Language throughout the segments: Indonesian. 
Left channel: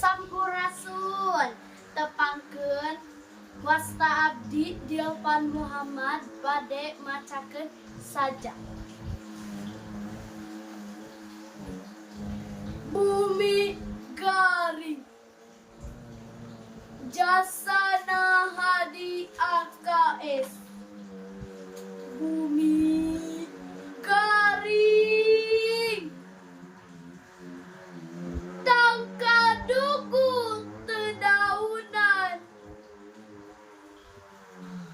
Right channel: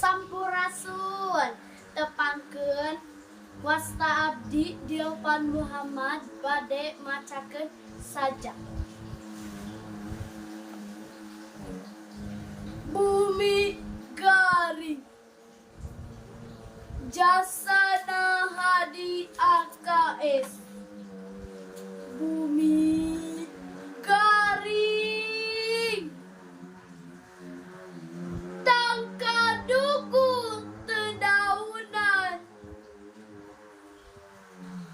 Sampurasun tepangkeun wasta abdi Diopan Muhammad bade macakeun sajak. Bumi garing Jasana Hadi AKS. Bumi garing tangka dukung tedaunan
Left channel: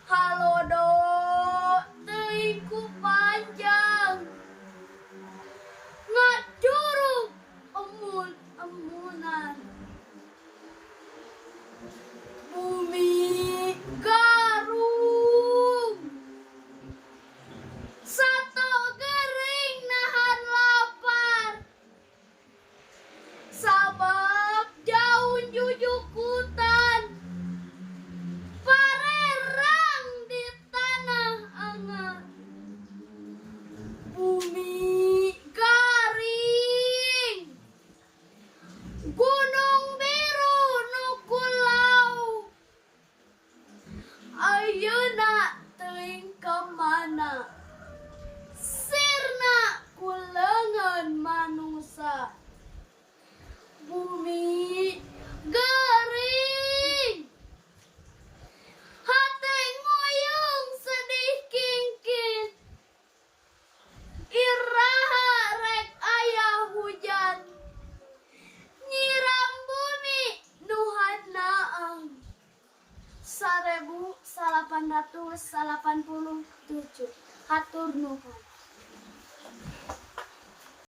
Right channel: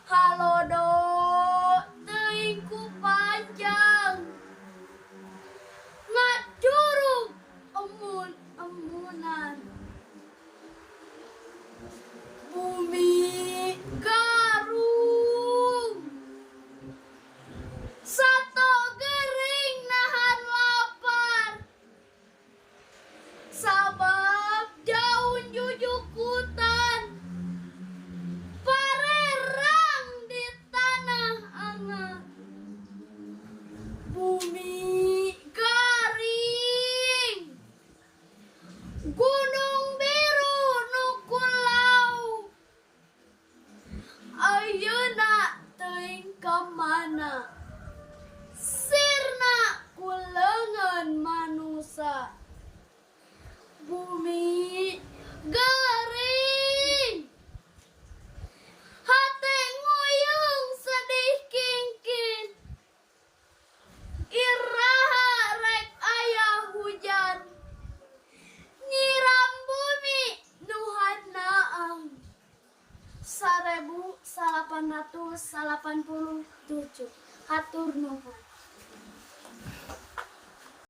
halodo teuing ku panjang ngadurung emun-emunan. Bumi garung sato gering nahan lapar sabab daun jujukutan parerang di tanah angat. Bumi garing gunung biru nukulau ayeuna teuing kamana sirna kuleungeun manusa. Bumi garing hate nguyung sedih kingkin iraha rek aya hujan nyiram bumi nu hanaang. 1887 hatur nuhun.